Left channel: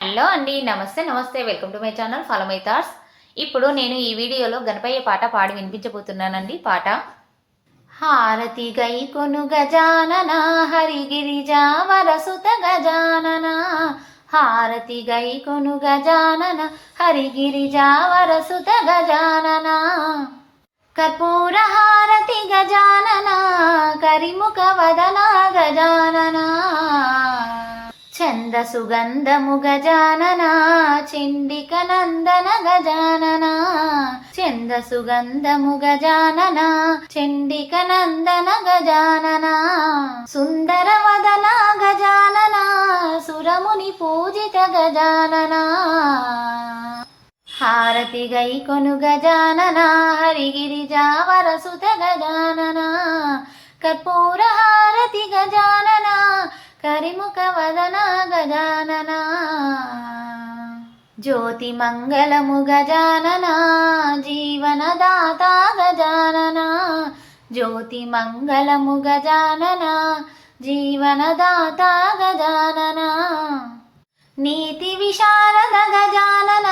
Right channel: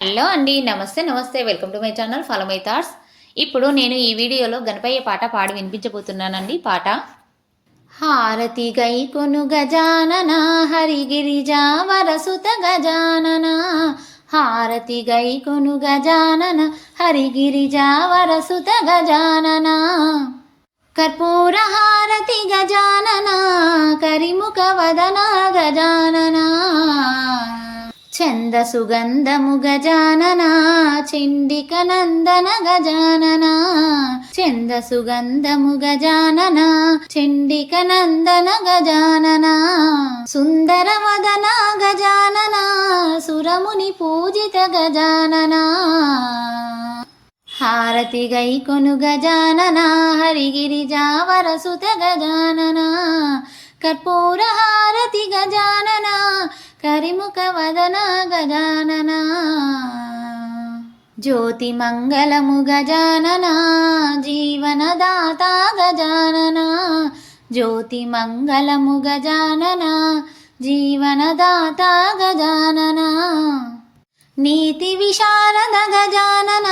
Hello అండి. నమస్తే నమస్తే. Welcome to my channel follow my thoughts. ఇప్పుడు నేను ఈ వీడియోలో గణపయ్య పాట పాడి వినిపించబోతున్నానండి. పాట హారతి గై కొను గజానన హరిగిరిజావరసుత గజానన హారతి గై కొను గజానన హరిగిరిజావరసుత గజానన కర్పూర హారతి గజానన కరిముఖ వదన గజానన చంద సుగంధము గజానన చండిక నందన గజానన చంద సుగంధము గజానన చండిక నందన గజానన సుందర వదన గజానన సురముని పూజిత గజానన హారతి గై కొను గజానన హరిగిరిజావరసుత గజానన కర్పూర హారతి గజానన కరిముఖ వదన గజానన జ్యోతి మంగళము గజానన జీవనదాత గజానన జ్యోతి మంగళము గజానన జీవనదాత గజానన నీతి విశారద గజానన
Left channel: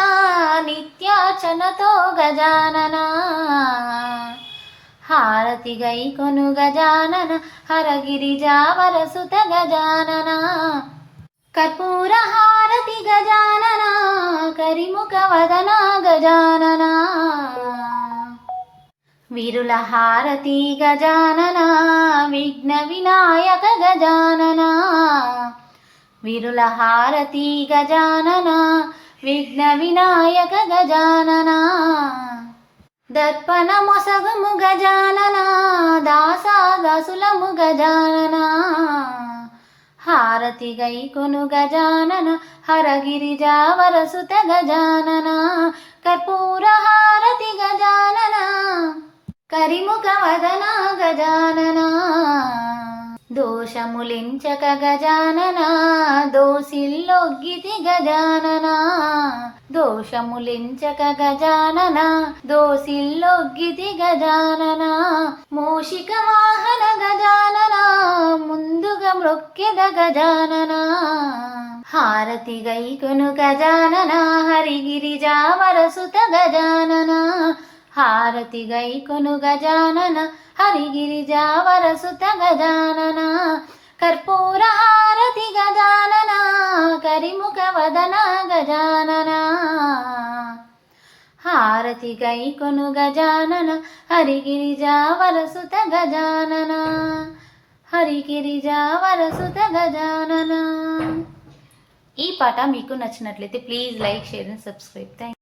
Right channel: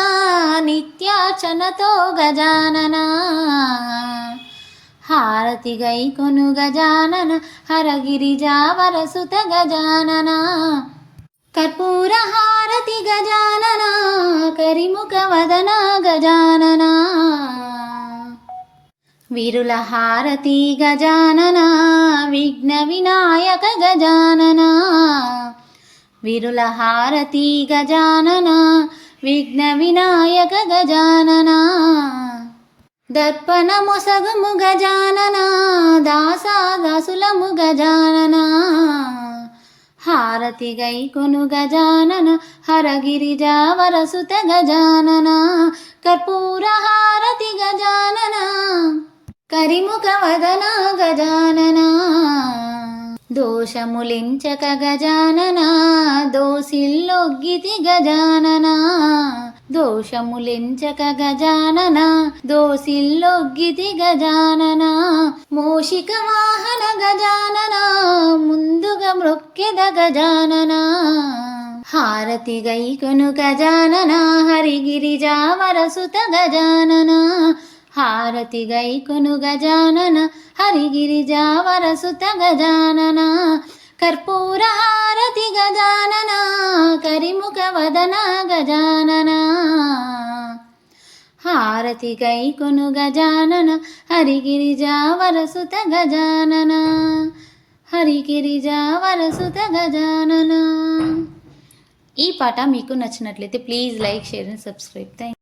నిత్యార్చనతో గజానన హారతి గై కొను గజానన హరగిరిజావరసుత గజానన కర్పూర హారతి గజానన కరిముఖ వదన గజానన విరుల హారతి గజానన విఘ్న వినాయక గజానన విరుల హారతి గజానన విఘ్న వినాయక గజానన దర్పణ మొసగము గజానన దాసాదాసులము గజానన హారతి గై కొను గజానన హరగిరిజావరసుత గజానన కర్పూర హారతి గజానన కరిముఖ వదన గజానన దోషములించక గజానన దోసిల్లొగ్గితి గజానన దోషములించక గజానన దోసిల్లొగ్గితి గజానన మూషిక వాహన గజానన ముందుగా మ్రొక్కెద గజానన హారతి గై కొను గజానన హరిగిరిజావరసుత గజానన హారతి గై కొను గజానన హరిగిరిజావరసుత గజానన కర్పూర హారతి గజానన కరిముఖ వదన గజానన హారతి గై కొను గజానన హరిగిరిజావరసుత గజానన హరిగిరిజావరసుత గజానన. ఈ పాట మీకు నచ్చినట్లయితే please like share and subscribe. Thank